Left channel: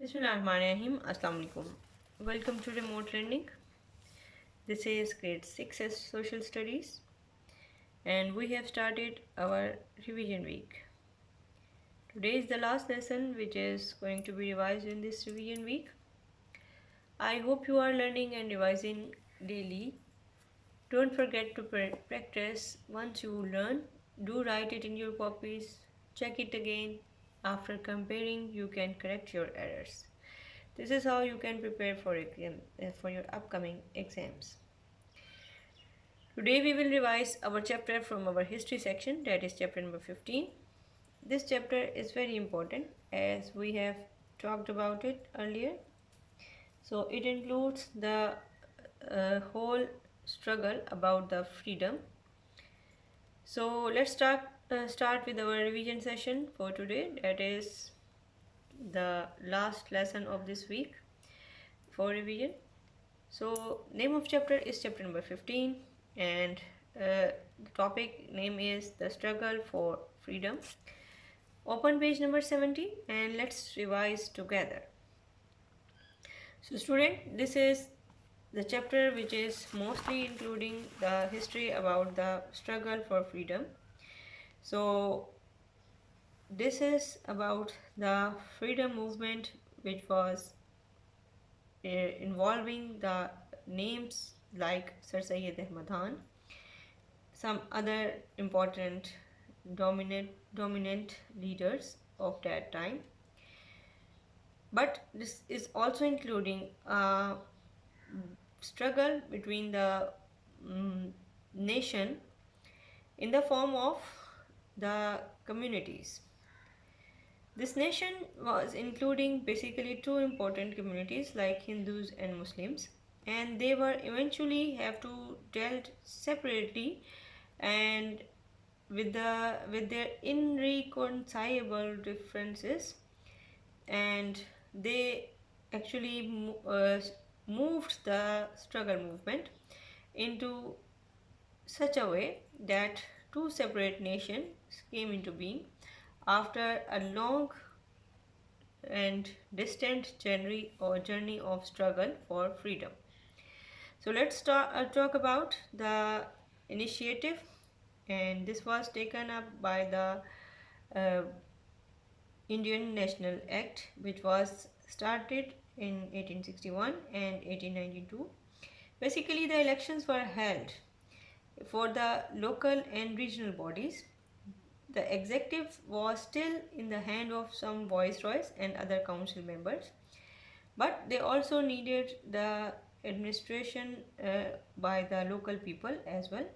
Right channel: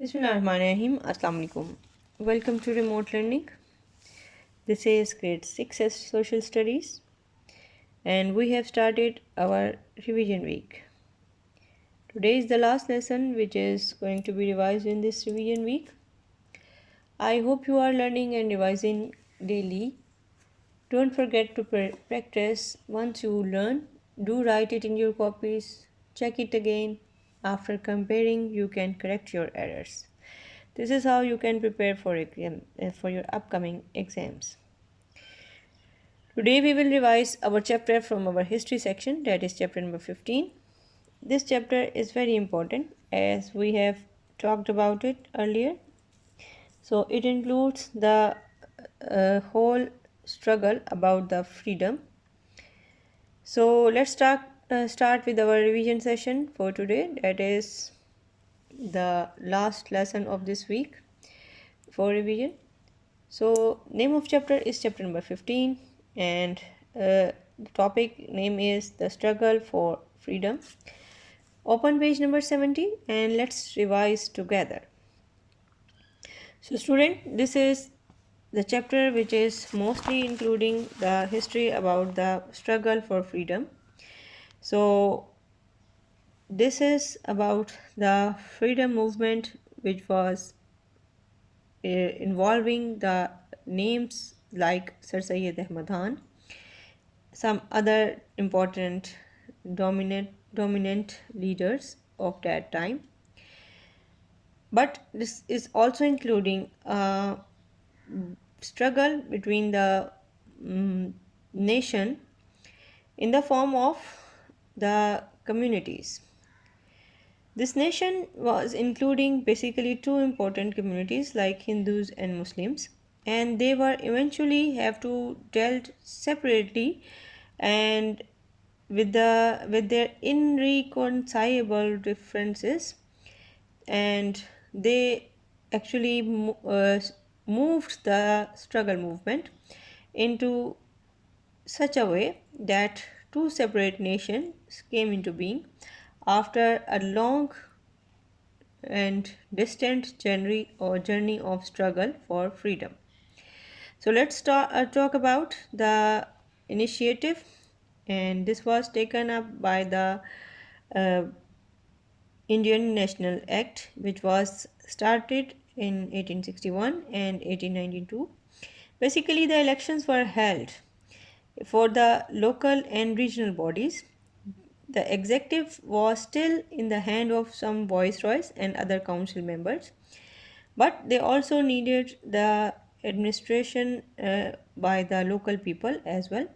Bismillahirrahmanirrahim. Assalamu alaikum. Welcome to remote learning. This is grade 6 social studies and we have started our revision week. Today is the last lesson which is going to be revised in this revision week. I hope you are learning and revising daily. Don't forget to practice. Once you learn, do write it in your copies, check it again. After comparing, you can correct your errors. This is how you can prepare for your upcoming exams. Today we will revise our chapter from our history section, that is chapter number 15. This chapter is very important as we have talked about it earlier. So it includes the whole struggle about the freedom. So let's start with our revision session for today. That is the last lesson of this week for revision. So name of chapter is chapter number 15 and the topic name is the struggle for freedom. Open page number 70 and let's revise together. So student, this is the chapter which is mostly including the history about the struggle for freedom. So this is about the freedom movement which was involving the names like Sir Syed Ahmad Khan, some other important dominant leaders of that time. But this is also including a struggle between the nation in the form of the communities. This nation was including basically two important communities like Hindus and Muslims, and they were eventually have to dealt separately and with their irreconcilable differences, and they actually moved the struggle movement into such a way that two separate nations came into being after a long and distant journey of struggle for freedom. So let's talk about the initiative, and this was taken up by the uh, Indian National Act, which was started in 1861 and 1892. Basically, the elections were held for the local and regional bodies. The executive was still in the hand of some viceroys and other council members, but they also needed the administration by the local people as well.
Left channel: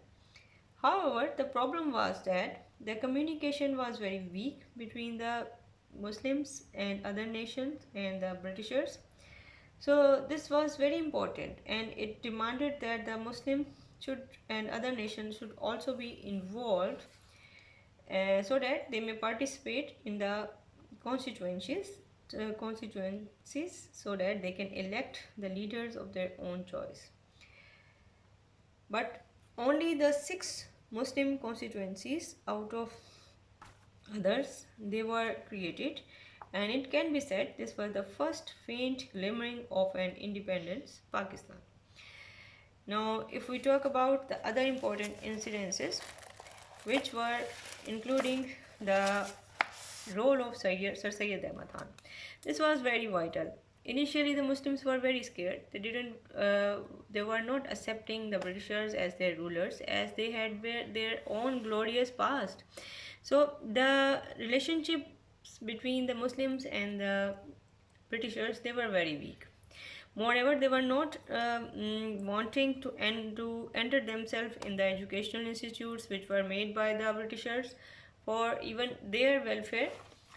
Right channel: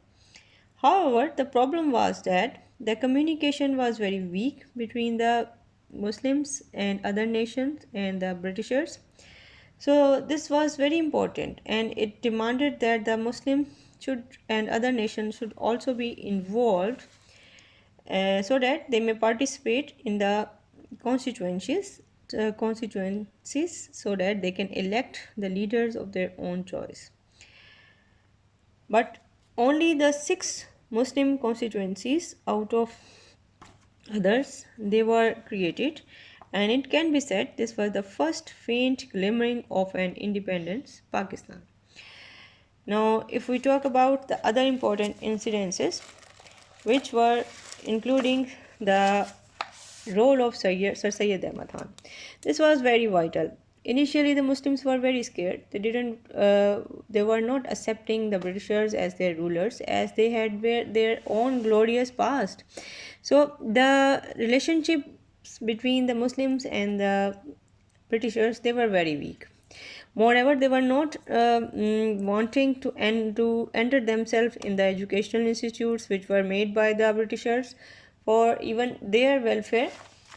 However, the problem was that the communication was very weak between the Muslims and other nations and the Britishers. So this was very important and it demanded that the Muslim should and other nations should also be involved so that they may participate in the constituencies so that they can elect the leaders of their own choice. But only the 6 Muslim constituencies out of others they were created, and it can be said this was the first faint glimmering of an independent Pakistan. Now if we talk about the other important incidences which were including the role of Sir Syed Ahmad Khan, this was very vital. Initially, the Muslims were very scared. They were not accepting the Britishers as their rulers, as they had their own glorious past. So the relationships between the Muslims and the Britishers they were very weak. Moreover, they were not wanting to enter themselves in the educational institutes which were made by the Britishers for even their welfare.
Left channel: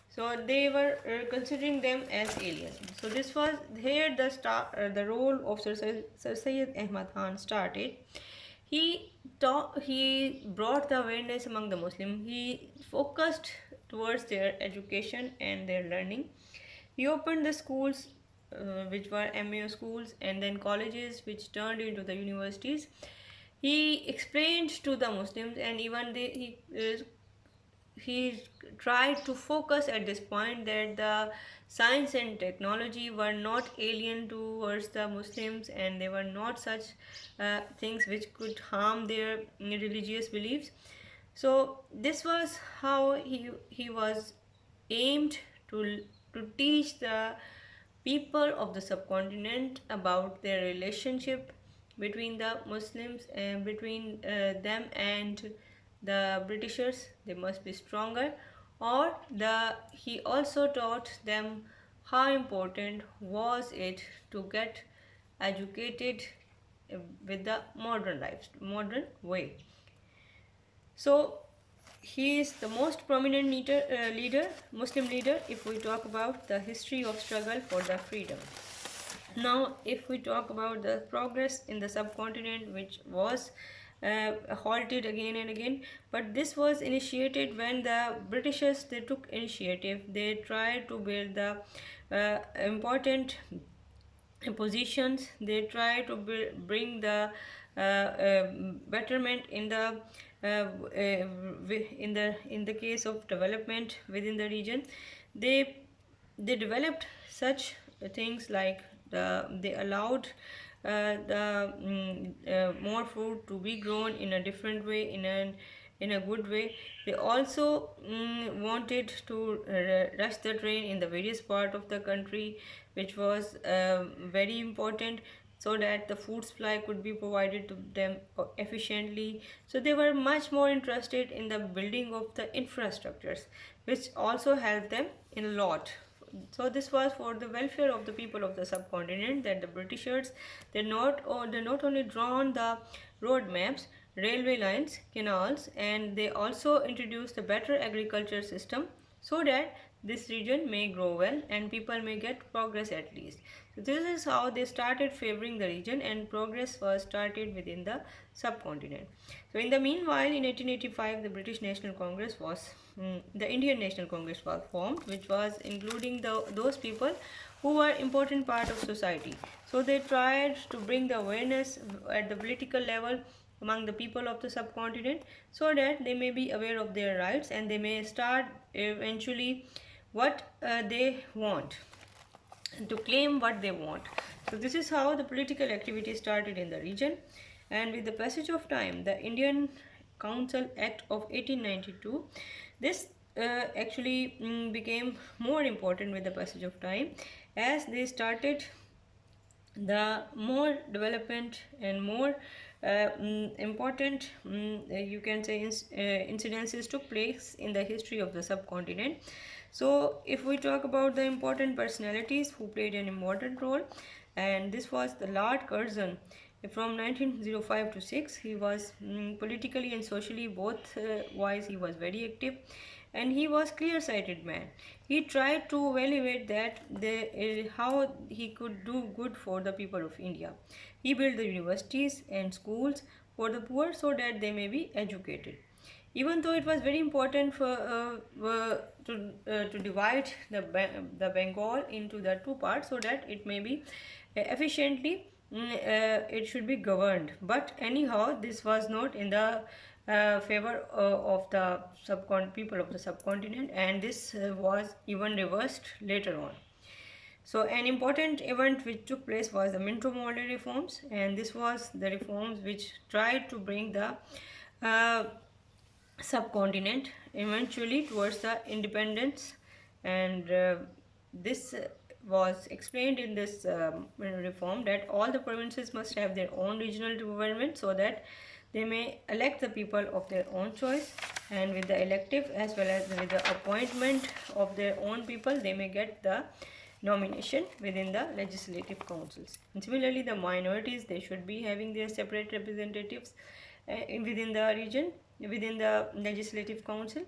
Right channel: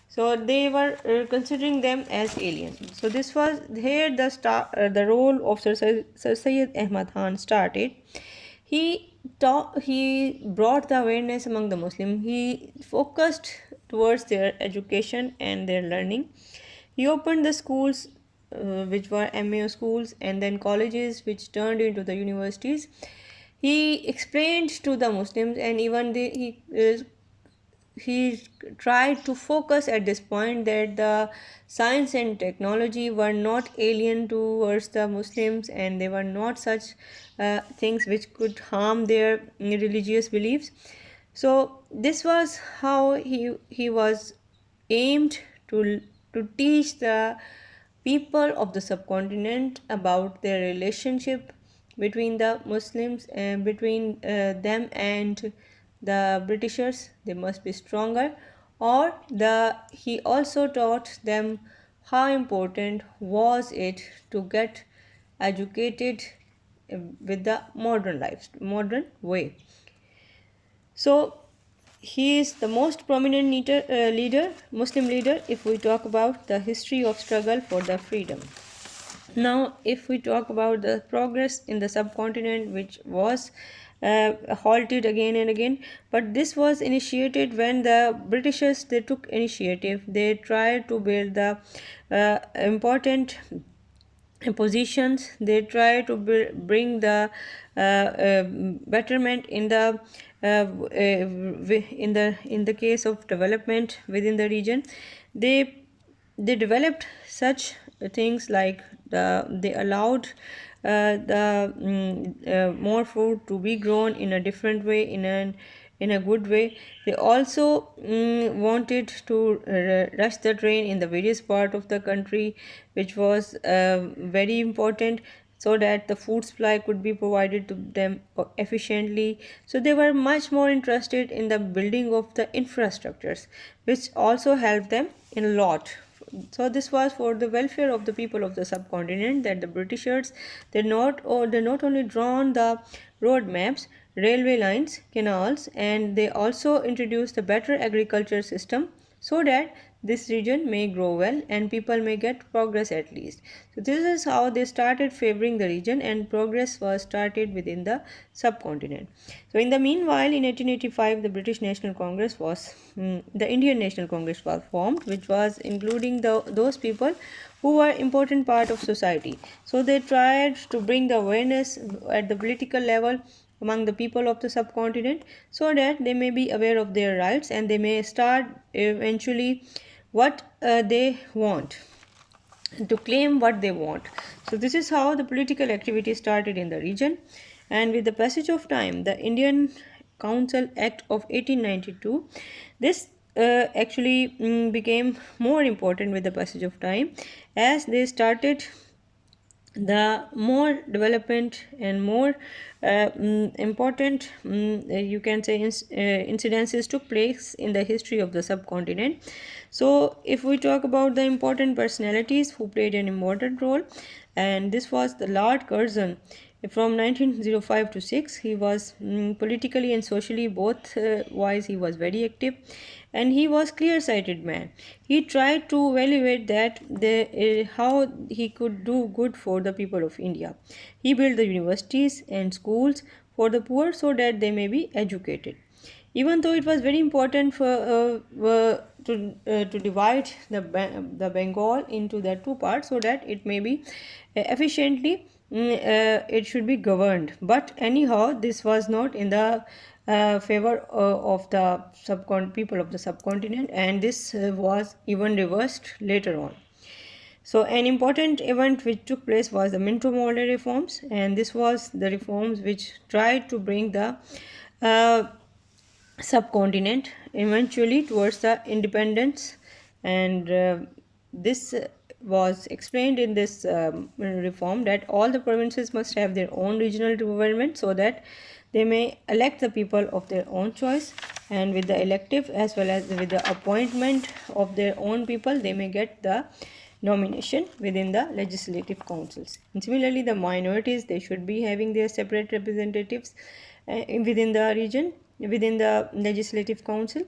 So they were considering them as aliens. So this was here the role of Sir Syed Ahmad Khan started. He brought the awareness among the Muslims. He focused towards their education and their learning. He opened the schools which were MAO schools and then colleges which turned into the universities. He explained to the Muslims and even he he tried to focus at this point that the science and technology were not alien towards the Muslims, and they were not such things which could harm their religious beliefs. So this was how he was aimed to teach the people of the subcontinent about their relationship between the Muslims and between them and the Britishers. They must be stronger. Or he also taught them how important was it to get educated with the modern way. So he is the most prominent Muslim leader if we talk about the history of struggle for the freedom. Now, if we talk about the progress in the subcontinent, which was halted again and again, but this was initiated when the Britishers they took initiative. They tried to build the important positions. They try to bring the betterment in the in the case of development within the region. They developed such things like they allowed more food to be grown in a different way, in a good way. They also wanted to rush the train in the various part of the country, which was very important, so that the food supply could be provided to them efficiently. So they were much more interested in the building of the infrastructures, which also helped them in a lot. So this was for the welfare of the people of the subcontinent, that the Britishers they not only drawn the road maps, railway lines, canals, and they also introduced a better agriculture system, so that this region may grow well and people may get progress at least. So this is how they started favoring the region, and progress was started within the subcontinent. So in the meanwhile, in 1885, the Indian National Congress was formed, which was including those people who were important part of society. So they tried to bring the awareness at the political level among the people of the subcontinent, so that they may be aware of their rights and they may start eventually what they want, to claim what they want. So this is how the political activity started in the region. And with the passage of time, the Indian Council Act of 1892, this actually became more important with the passage of time, as they started the more development and more important you can say incidences took place in the history of the subcontinent. So if we talk about the important personalities who played an important role, and this was the Lord Curzon. From 1905 to 6, he was politically and socially both wise. He was very active, and he was clear-sighted man. He tried to evaluate that how he could do good for the people of India. He built the universities and schools for the poor, so that they may be educated. Even though it was very important for to divide the Bengal into the two parts, so that it may be efficiently it should be governed. But anyhow, this was not in the favor of the people of the subcontinent, and this was even reversed later on. So an important event which took place was the Minto Morley reforms, and this was the reforms which tried to bring the subcontinent eventually towards the independence. And this was explained in this reform, that all the provinces must have their own regional government, so that they may elect the people of their own choice, and with the elective as well as with the appointment of their own people, they may get the nomination within the legislative councils. And similarly, the minorities, they should be having their separate representatives within the region, within the legislative council.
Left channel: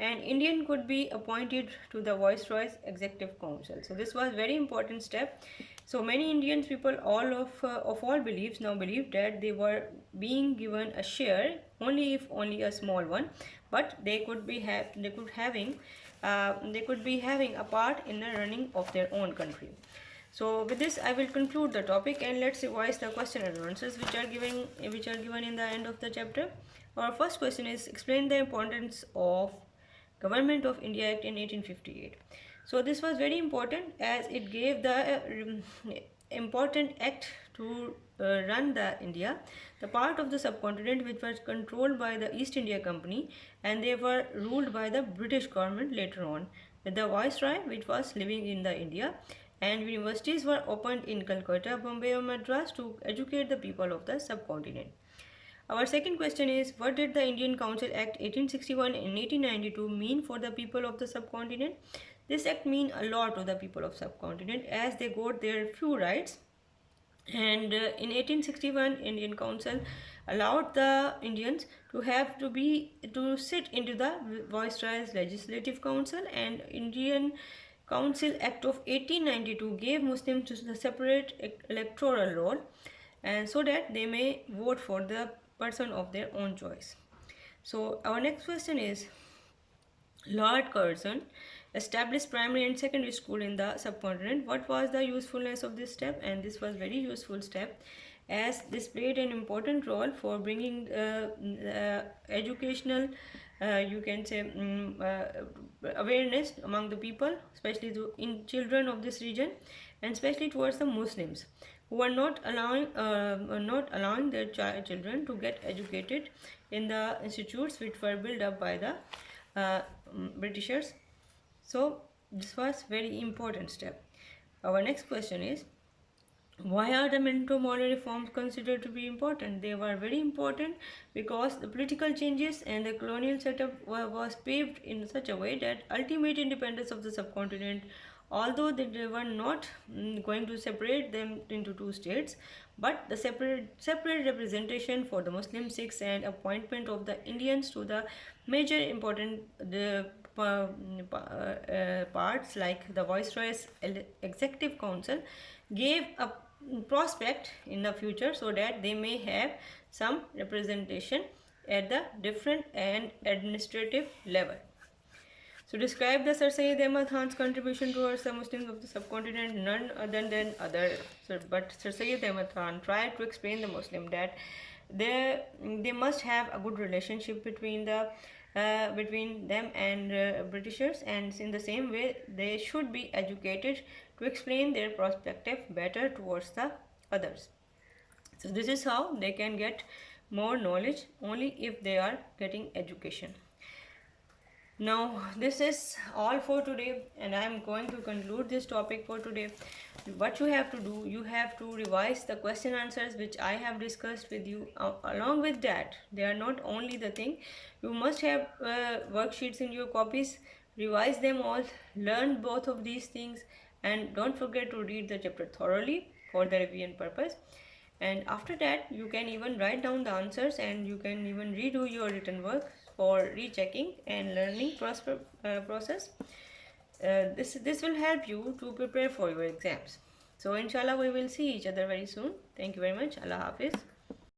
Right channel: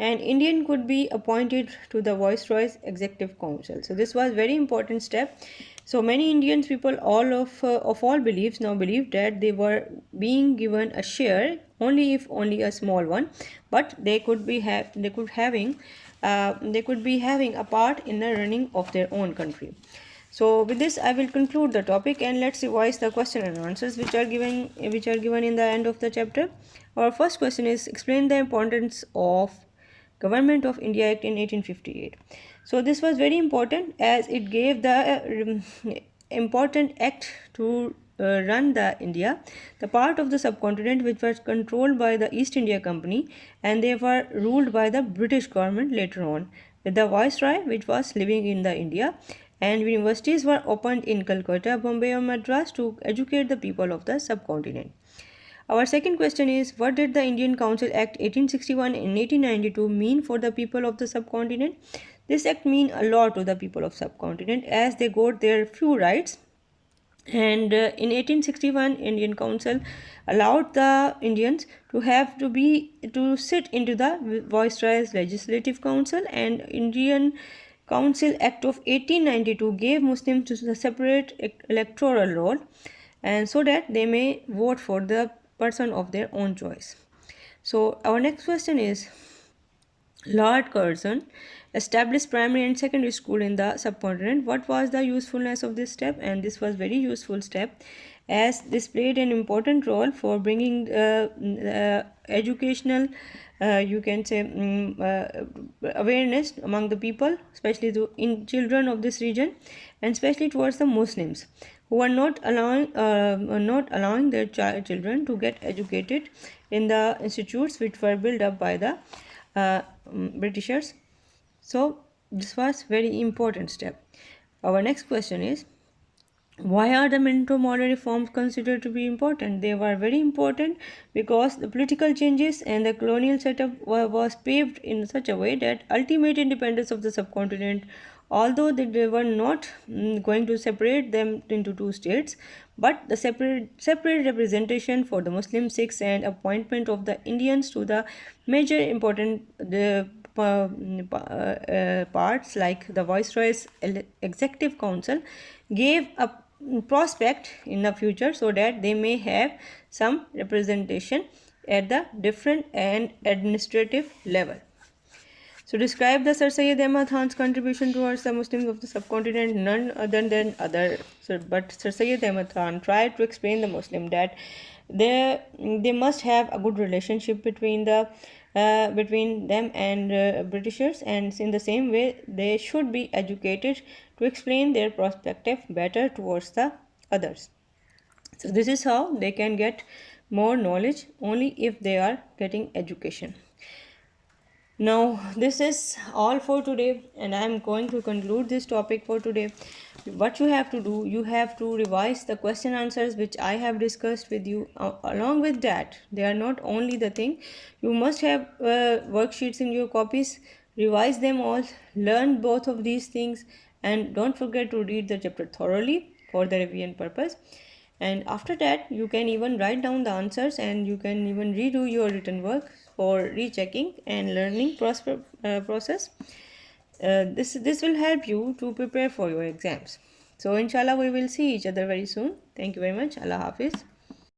And Indian could be appointed to the Viceroy's executive council. So this was very important step. So many Indian people, all of all beliefs, now believed that they were being given a share, only if only a small one, but they could be having a part in the running of their own country. So with this, I will conclude the topic, and let's revise the question and answers which are given in the end of the chapter. Our first question is, explain the importance of Government of India Act in 1858. So this was very important as it gave the important act to run the India, the part of the subcontinent which was controlled by the East India Company, and they were ruled by the British government later on, with the viceroy which was living in the India, and universities were opened in Calcutta, Bombay or Madras to educate the people of the subcontinent. Our second question is, what did the Indian Council Act 1861 and 1892 mean for the people of the subcontinent? This act mean a lot to the people of subcontinent as they got their few rights, and in 1861 Indian Council allowed the Indians to have to sit into the viceroy's legislative council, and Indian Council Act of 1892 gave Muslims a separate electoral role, and so that they may vote for the person of their own choice. So our next question is, Lord Curzon established primary and secondary school in the subcontinent. What was the usefulness of this step? And this was very useful step as this played an important role for bringing educational you can say awareness among the people, especially in children of this region, and especially towards the Muslims who are not allowing their children to get educated in the institutes which were built up by the Britishers. So this was very important step. Our next question is, why are the Minto model reforms considered to be important? They were very important because the political changes and the colonial setup was paved in such a way that ultimate independence of the subcontinent, although they were not going to separate them into two states, but the separate representation for the Muslim Sikhs and appointment of the Indians to the major important parts like the Viceroy's Executive Council gave a prospect in the future so that they may have some representation at the different and administrative level. So describe the Sir Syed Ahmad Khan's contribution towards the Muslims of the subcontinent. None other than but Sir Syed Ahmad Khan tried to explain the Muslim that they must have a good relationship between them and Britishers, and in the same way they should be educated to explain their perspective better towards the others. So this is how they can get more knowledge, only if they are getting education. Now this is all for today, and I am going to conclude this topic for today. What you have to do, you have to revise the question answers which I have discussed with you. Along with that, they are not only the thing, you must have worksheets in your copies, revise them all, learn both of these things, and don't forget to read the chapter thoroughly for the revision purpose. And after that, you can even write down the answers, and you can even redo your written work for rechecking and learning process. This will help you to prepare for your exams. So inshallah we will see each other very soon. Thank you very much. Allah Hafiz.